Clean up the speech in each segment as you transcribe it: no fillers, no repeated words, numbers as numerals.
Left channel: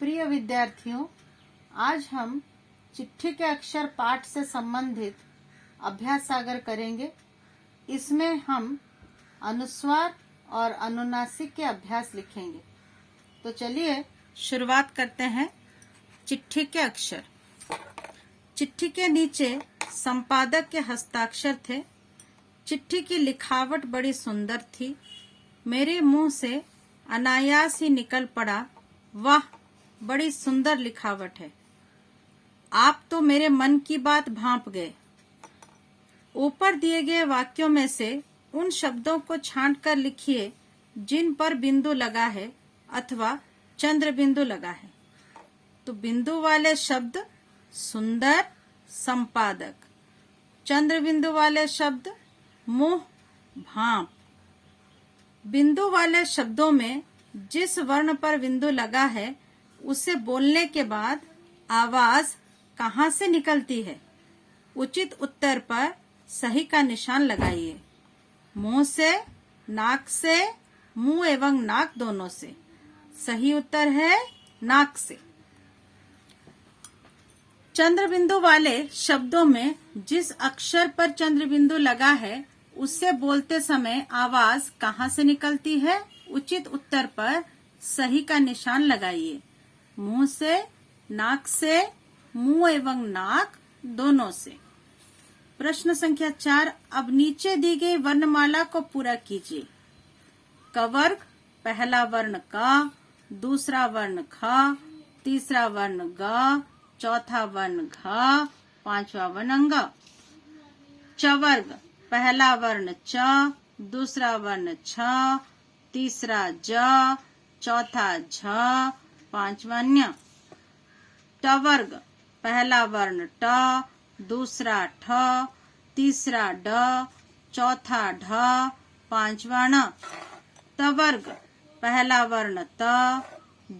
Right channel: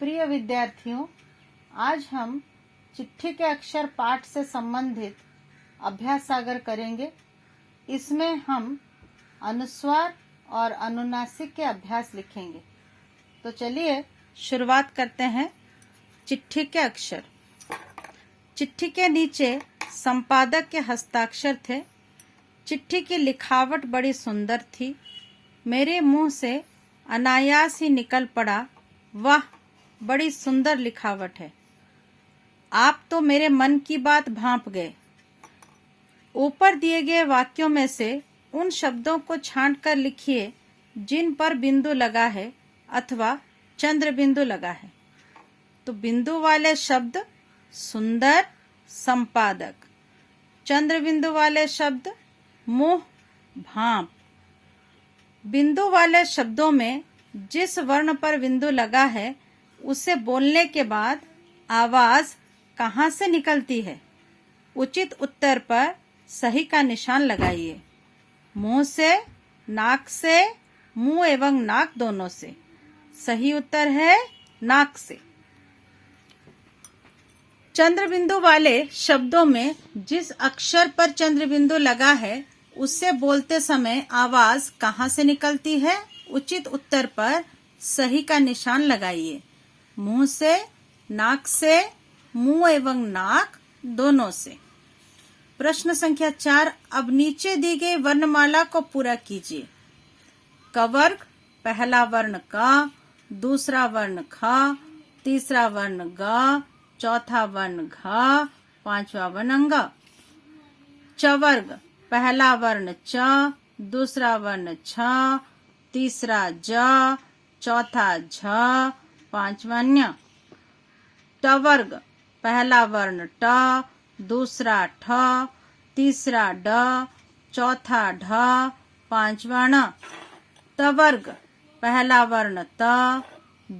प्रिय विद्यार्थियों, आज हम चिट्ठी के अक्षर पाठ से संबंधित अभ्यास सागर करेंगे। इसमें हम अनुस्वार और अनुनासिक के अभ्यास लिखेंगे। तो चलिए शुरुआत करते हैं। चिट्ठी के अक्षर। चिट्ठी के नीचे संपादक के हस्ताक्षर थे। चिट्ठी की लिखावट बड़ी सुंदर थी। मेरे मुंह से अनायास ही निकल पड़ा, वाह, बड़ी सुंदर लिखावट है। आप तो मेरे मन की बात भांप गए। ऊपर दिए गए वाक्यों में से उन शब्दों को छांट कर लिखिए जिन पर बिंदु लगा है अथवा चंद्र बिंदु लगा है। तो बिंदु वाले शब्द सुंदर, संपादक। चंद्र बिंदु वाले शब्द मुंह, भांप। बिंदु वाले शब्दों में जिस वर्ण पर बिंदु लगा है उसे बोलने के बाद आवाज कहाँ से निकलती है? उचित उत्तर पर सही का निशान लगाइए। मुंह से, नाक से, मुंह एवं नाक दोनों से। सही उत्तर है नाक से। चंद्र बिंदु वाले शब्दों में जिस अक्षर पर चंद्र बिंदु लगा है उससे बोलते समय आवाज कहाँ से निकलती है? उचित उत्तर पर सही का निशान लगाइए। मुंह से, नाक से, मुंह एवं नाक दोनों से। प्रश्न संख्या 4। अब नीचे दी गई वर्णमाला को पूरा कीजिए। क वर्ग, पहला वर्ण क, दूसरा वर्ण ख, तीसरा वर्ण ग, चौथा वर्ण घ, पांचवा वर्ण ङ। च वर्ग, पहला वर्ण च, दूसरा वर्ण छ, तीसरा ज, चौथा झ, पांचवा ञ। ट वर्ग, पहला वर्ण ट, दूसरा ठ, तीसरा ड, चौथा ढ, पांचवा ण। त वर्ग, पहला वर्ण त,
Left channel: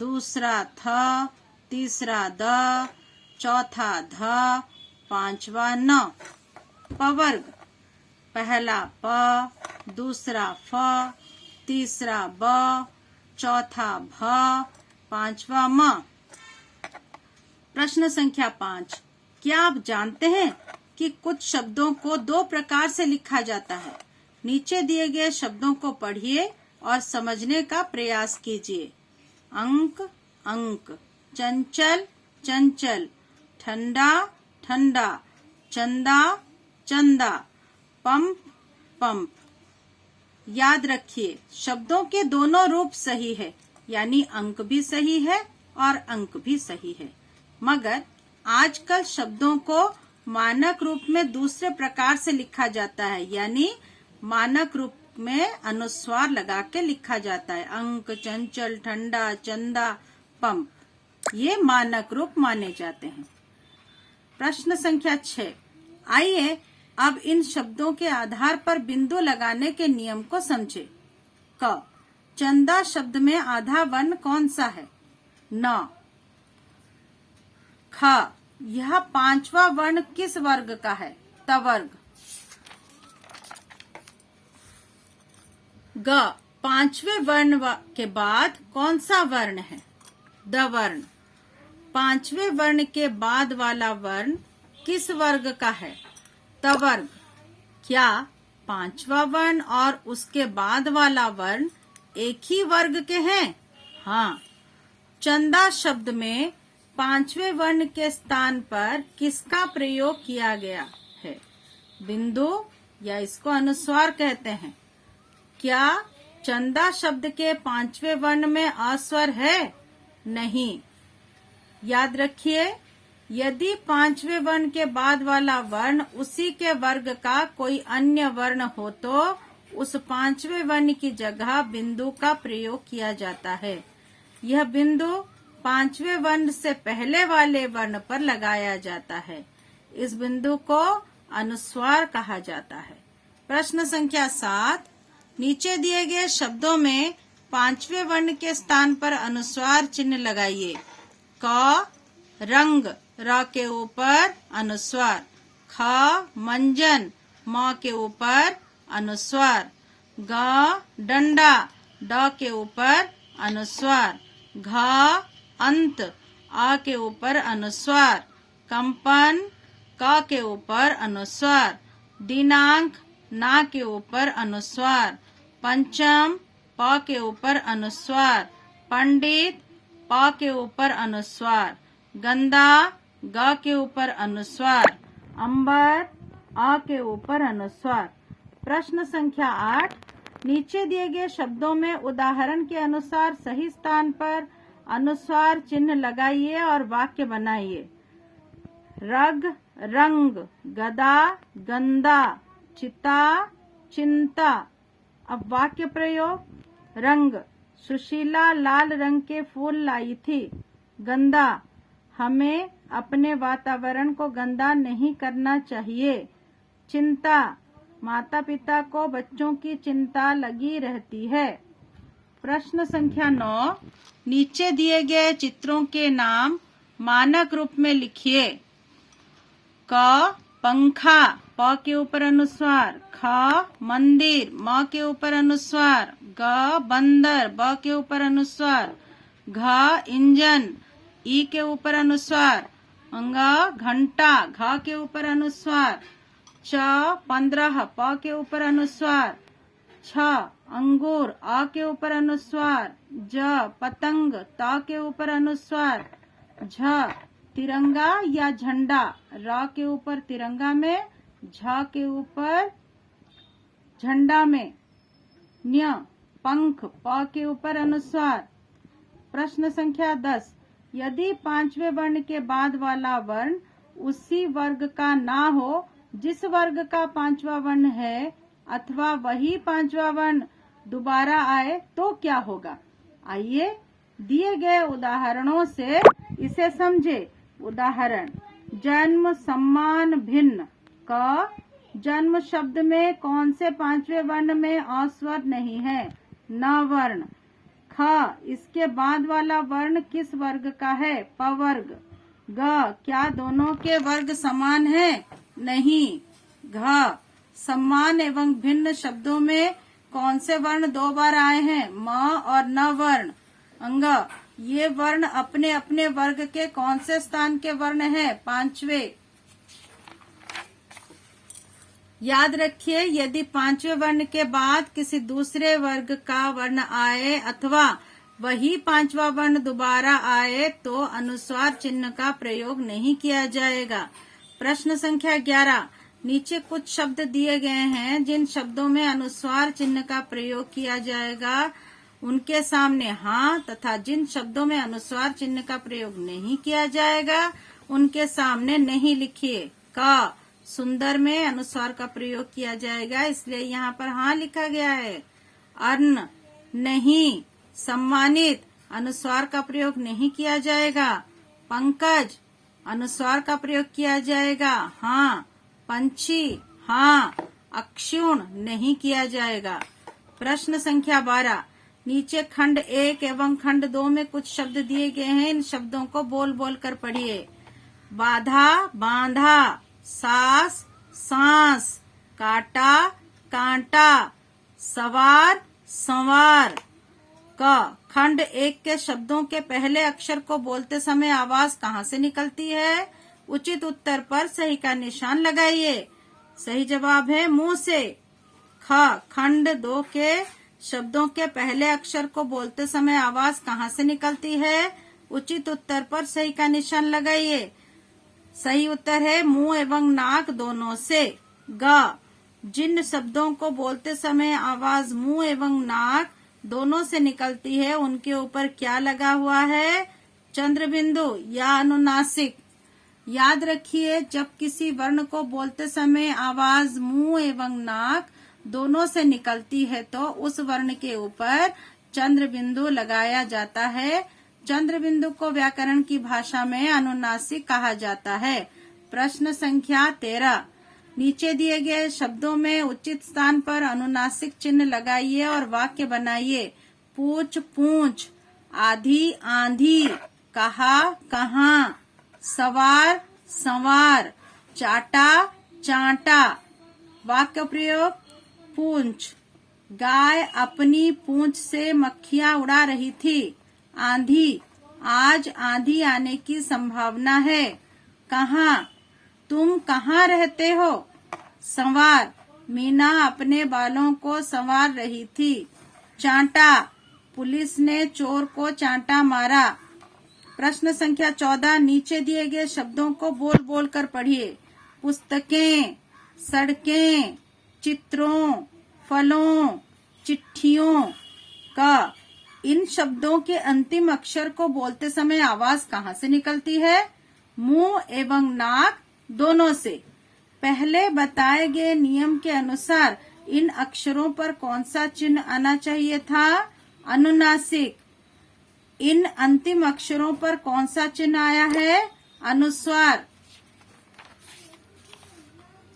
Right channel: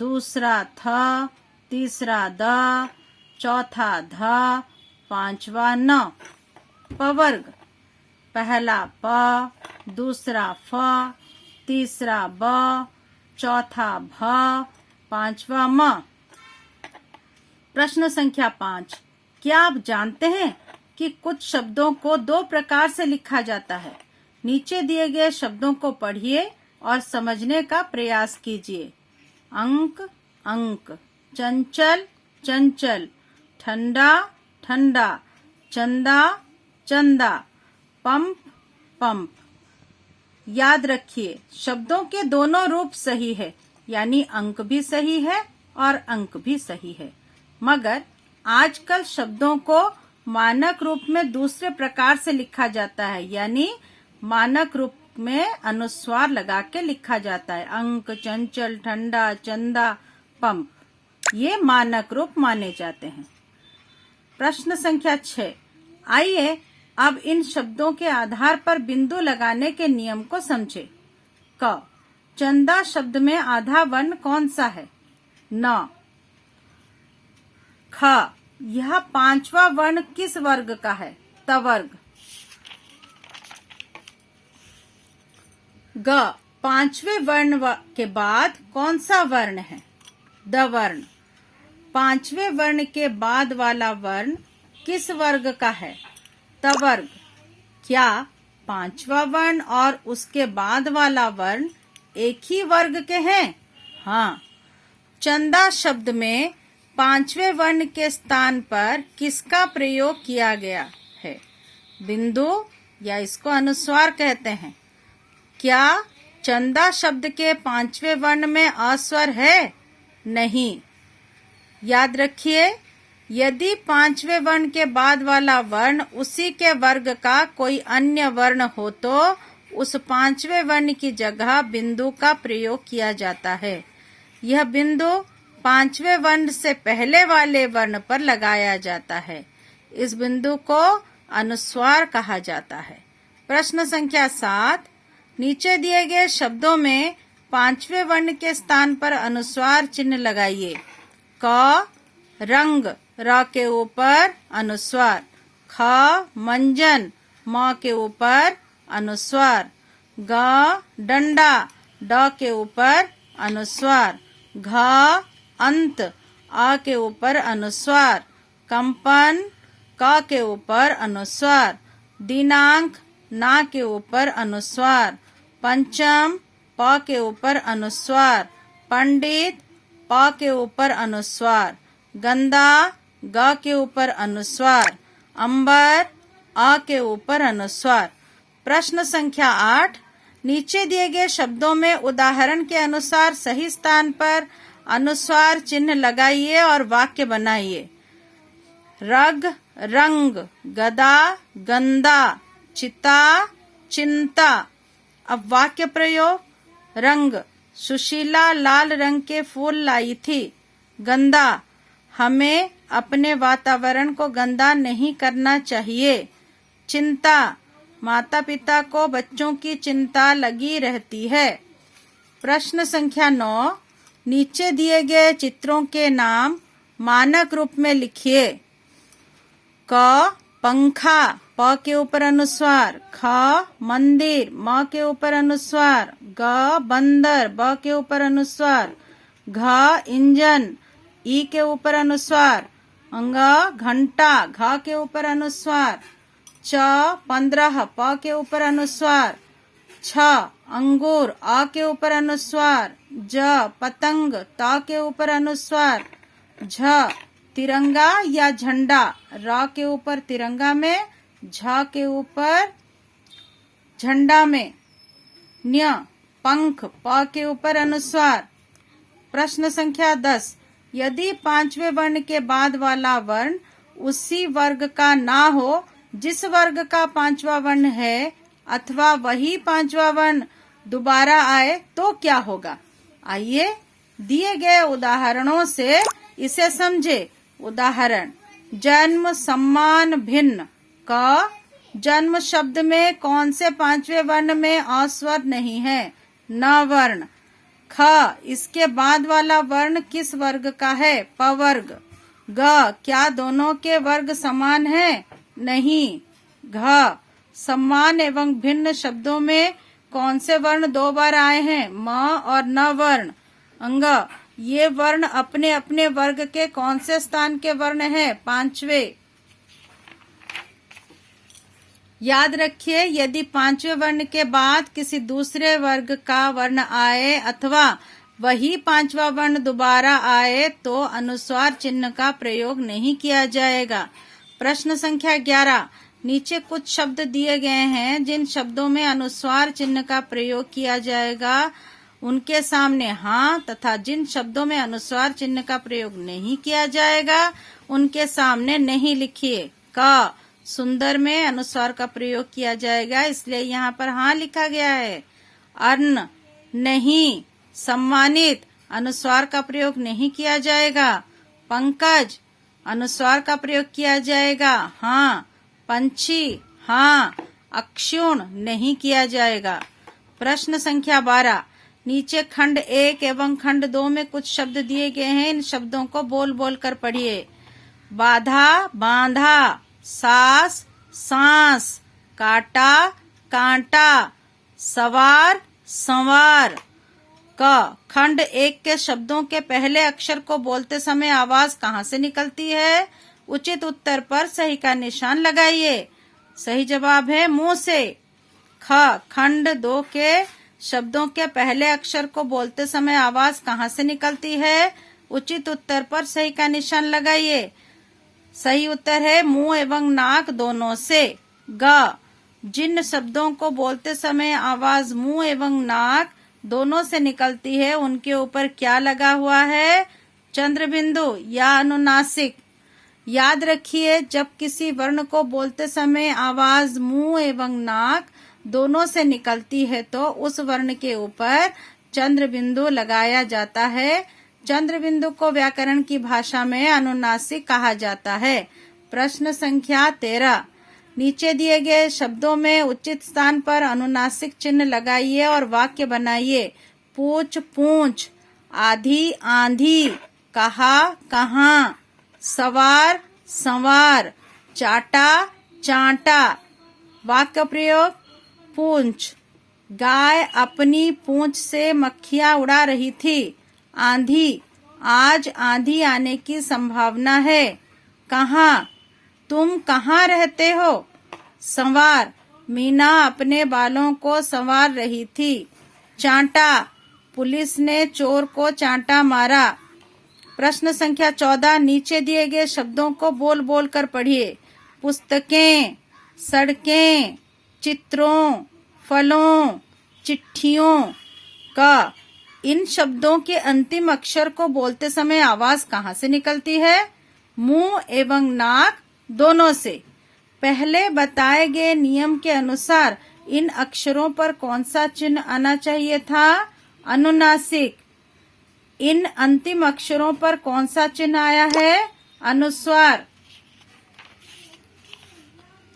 दूसरा थ, तीसरा द, चौथा ध, पांचवा न। प वर्ग, पहला प, दूसरा फ, तीसरा ब, चौथा भ, पांचवा म। प्रश्न संख्या 5। क्या आप जानते हैं कि कुछ शब्दों को 2 प्रकार से लिखा जाता है? नीचे दिए गए शब्दों को पढ़िए और समझने का प्रयास कीजिए। अंक, अंक। चंचल, चंचल। ठंडा, ठंडा। चंदा, चंदा। Pump, pump. याद रखिए, शब्दों के दोनों रूप सही है, यानी अंक भी सही है और अंक भी सही है। मगर आजकल शब्दों को मानक रूप में दूसरे प्रकार से लिखा जाता है, यानी मानक रूप में अनुस्वार लगा के लिखा जाता है। अंक, चंचल, ठंडा, चंदा, पंप, ये मानक रूप माने जाते हैं। प्रश्न संख्या 6। आइए अब इन शब्दों के आधार पर बिंदु लगाने के नियम को समझे। क, चंदा शब्द में आधा वर्ण कौन सा है? न। ख, यह 5वां वर्ण किस वर्ग का है? त वर्ग। ग, 5वें वर्ण के बाद कौन सा वर्ण है? द वर्ण। 5वें वर्ण के बाद वाला वर्ण किस वर्ग का है? त वर्ग। क्या 5वां वर्ण और उसके बाद वाला वर्ण एक ही वर्ग के हैं? हाँ। चंदा शब्द में 5वें वर्ण के स्थान पर किसका प्रयोग किया गया है? बिंदु, या इसको अनुस्वार कहते हैं। क्या चंदा शब्द के 5वें वर्ण में अस्वर है? नहीं। याद रखिए, यदि 5वें वर्ण के बाद वाला वर्ण उसी के वर्ग का कोई अन्य वर्ण हो तो उस 5वें वर्ण की जगह बिंदु का प्रयोग किया जाता है। यह बिंदु 5वें वर्ण से पहले वाले वर्ण पर लगाया जाता है। इस बिंदु को अनुस्वार कहा जाता है। प्रश्न संख्या 7। नीचे दिए गए शब्दों में 5वें वर्ण के स्थान पर अनुस्वार चिन्ह लगाइए। क, रंग, र के ऊपर अनुस्वार। ख, मंजन, म के ऊपर अनुस्वार। ग, डंडा, ड के ऊपर अनुस्वार। घ, अंत अ के ऊपर अनुस्वार, कंपन क के ऊपर अनुस्वार, दिनांक ना के ऊपर अनुस्वार, पंचम प के ऊपर अनुस्वार, पंडित प के ऊपर अनुस्वार, गंदा ग के ऊपर अनुस्वार, अंबर अ के ऊपर अनुस्वार। प्रश्न संख्या 8, नीचे दिए गए शब्दों में उदाहरण के अनुसार सही स्थान पर अनुस्वार चिन्ह लगाइए और वाक्य बनाइए। रग रंग, गदा गंदा, चिता चिंता। अब वाक्य प्रयोग। रंग, सुशीला लाल रंग के फूल लाई थी। गंदा, हमें अपने वातावरण को गंदा नहीं करना चाहिए। चिंता, माता पिता को बच्चों की चिंता लगी रहती है। प्रश्न संख्या 9, नीचे दिए गए चित्रों के नाम मानक रूप में लिखिए। क पंखा, प के ऊपर अनुस्वार, ख मंदिर, म के ऊपर अनुस्वार, ग बंदर, ब के ऊपर अनुस्वार, घ इंजन, ई के ऊपर अनुस्वार, अंग घंटा, घ के ऊपर अनुस्वार, च 15, प के ऊपर अनुस्वार, छ अंगूर, आ के ऊपर अनुस्वार, ज पतंग, त के ऊपर अनुस्वार, झ तिरंगा या झंडा, र के ऊपर तिरंगा में, झ के ऊपर झंडा में, न्य पंख, प के ऊपर अनुस्वार। प्रश्न संख्या 10, यदि पांचवें वर्ण के बाद वाला वर्ण उसी वर्ग का ना हो जिस वर्ग का पांचवा वर्ण है, अथवा वही पांचवा वर्ण दोबारा आए तो क्या होगा? आइए दिए गए उदाहरणों से इसे समझे। उदाहरण, जन्म सम्मान भिन्न। क जन्म शब्द में कौन से पांचवें वर्ण में अ स्वर नहीं है? न वर्ण। ख इसके बाद वाला वर्ण किस वर्ग का है? पवर्ग। ग क्या दोनों के वर्ग समान है? नहीं। घ सम्मान एवं भिन्न शब्दों में कौन से वर्ण दो बार आए हैं? म और न वर्ण। अंग ये वर्ण अपने अपने वर्ग के कौन से स्थान के वर्ण है? पांचवे। याद रखिए, यदि पांचवें वर्ण के बाद किसी दूसरे वर्ग का वर्ण आए अथवा वही पांचवा वर्ण दोबारा आए तो अनुस्वार चिन्ह का प्रयोग नहीं किया जाएगा। प्रश्न संख्या 11, नीचे कुछ शब्द दिए गए हैं जिन शब्दों में अनुस्वार चिन्ह का प्रयोग किया जाएगा उनके सामने हाँ तथा जिन शब्दों में अनुस्वार चिन्ह का प्रयोग नहीं किया जाएगा उनके सामने नहीं लिखिए। क सुंदर में अनुस्वार का प्रयोग किया जाएगा, इसलिए यहाँ पर हाँ लिखा गया है। अन्न, नहीं। सम्मानित, अनुस्वार का प्रयोग नहीं किया जाएगा। पंकज, अनुस्वार का प्रयोग किया जाएगा। हाँ। पंछी, हाँ। अक्षुण, नहीं किया जाएगा। प्रश्न संख्या 12, नीचे खंड 1 एवं खंड 2 में कुछ शब्द दिए गए हैं, इन शब्दों को बोल बोल कर पढ़िए। बाधा, बांधा। सास, सांस। काटा, कांटा। सवार, संवार। क खंड 1 के शब्दों के पहले अक्षर को बोलते समय आवाज कहाँ से निकलती है? उचित उत्तर पर सही का निशान लगाइए। सही जवाब है मुंह से। ख खंड 2 के शब्दों के पहले अक्षर को बोलते समय आवाज कहाँ से निकलती है? उचित उत्तर पर सही का निशान लगाइए। सही उत्तर है मुंह एवं नाक दोनों से। ग जिन शब्दों को बोलते समय आवाज मुंह एवं नाक दोनों से निकलती है उनके ऊपर क्या लगा हुआ है? चंद्र बिंदु या अनुनासिक। याद रखिए, जब किसी वर्ण को बोलते समय आवाज मुंह एवं नाक दोनों से निकलती है तो उस वर्ण के ऊपर चंद्र बिंदु लगाया जाता है। चंद्र बिंदु को व्याकरण की भाषा में अनुनासिक कहा जाता है। प्रश्न संख्या 13, नीचे दिए गए शब्दों में उचित स्थान पर अनुनासिक चिन्ह लगाइए और वाक्य बनाइए। पूछ, पूंछ। आधी, आंधी। कहा, कहाँ। सवार, संवार। चाटा, चांटा। वाक्य प्रयोग, पूंछ। गाय अपनी पूंछ से मक्खियां उड़ा रही थी। आंधी, आज आंधी आने की संभावना है। कहाँ? तुम कहाँ रहते हो? संवार, मीना अपने बालों को संवार रही थी। चांटा, पुलिस ने चोर को चांटा मारा। प्रश्न संख्या 14, नीचे दिए गए शब्दों को बोल बोल कर पढ़िए। पुस्तकें, सड़कें, चित्रों, फलों, चिट्ठियों का इन शब्दों के अंतिम अक्षर को बोलते समय आवाज कहाँ से निकलती है? मुंह एवं नाक दोनों से। पहले बताए गए नियम के अनुसार इन अक्षरों पर कौन सा चिन्ह आना चाहिए था? अनुनासिक। इन अंतिम अक्षरों पर कौन सा चिन्ह आया है? अनुस्वार।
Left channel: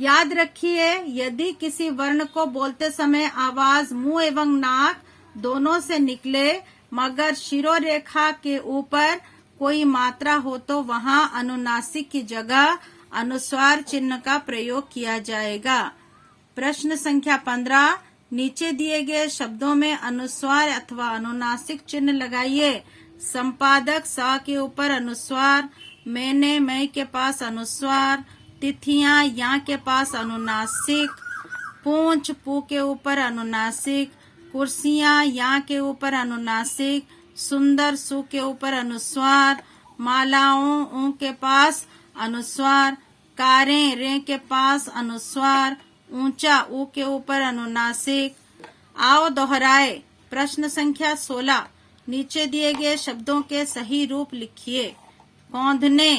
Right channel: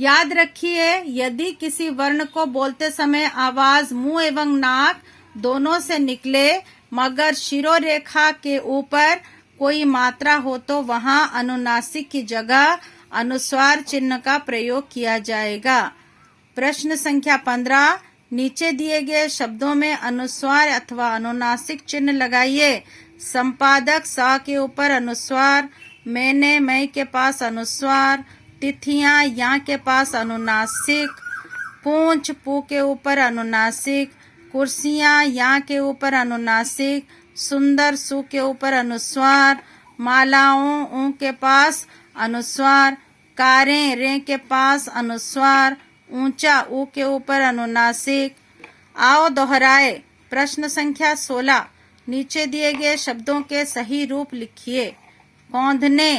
याद रखिए, यदि किसी वर्ण को बोलते समय आवाज मुंह एवं नाक दोनों से निकले मगर शिरोरेखा के ऊपर कोई मात्रा हो तो वहां अनुनासिक की जगह अनुस्वार चिन्ह का प्रयोग किया जाएगा। प्रश्न संख्या 15, नीचे दिए गए शब्दों में अनुस्वार अथवा अनुनासिक चिन्ह लगाइए। संपादक सा के ऊपर अनुस्वार, मैंने मैं के पास अनुस्वार, तिथियां या के पास अनुनासिक, पूंछ पू के ऊपर अनुनासिक, कुर्सियां या के ऊपर अनुनासिक, सुंदर सु के ऊपर अनुस्वार, मालाओं ऊ के पास अनुस्वार, कारें रे के पास अनुस्वार, ऊंचा ऊ के ऊपर अनुनासिक। आओ दोहराए। प्रश्न संख्या 16, नीचे दिए गए शब्दों के सही रूप लिखिए। कौंधने,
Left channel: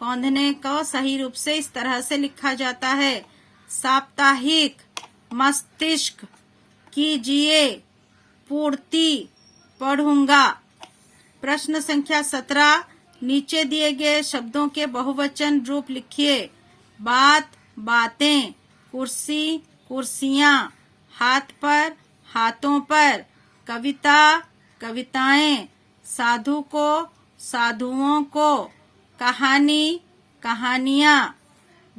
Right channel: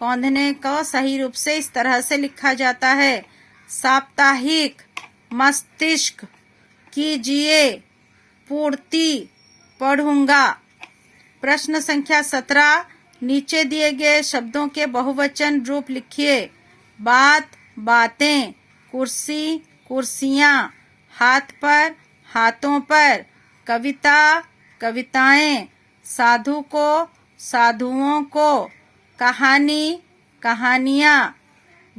कौंधने को सही रूप से इस तरह से लिखा जाता है। साप्ताहिक, मस्तिष्क, कीजिए, पूर्ति, पढ़ूंगा। प्रश्न संख्या 17, नीचे दिए गए शब्दों के बहुवचन रूप लिखिए। बात, बातें, कुर्सी, कुर्सियां, हाथ पर, हाथों पर, कविता, कविताएं, साधु को, साधुओं को, कहानी, कहानियां।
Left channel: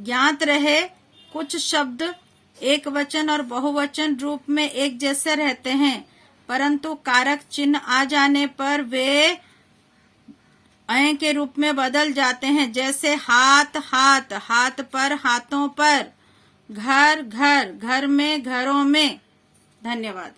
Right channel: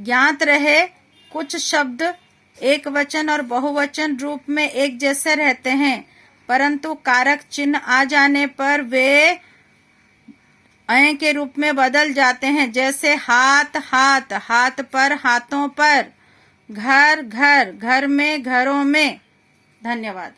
ज्ञात रहे, कुछ शब्द एक वचन और बहुवचन रूप में एक जैसे रहते हैं, परंतु कारक चिन्ह आ जाने पर वे अय के रूप में बदल जाते हैं। जैसे हाथ, हाथ, हाथ पर, हाथों पर, घर, घर, घर में, घरों में। धन्यवाद।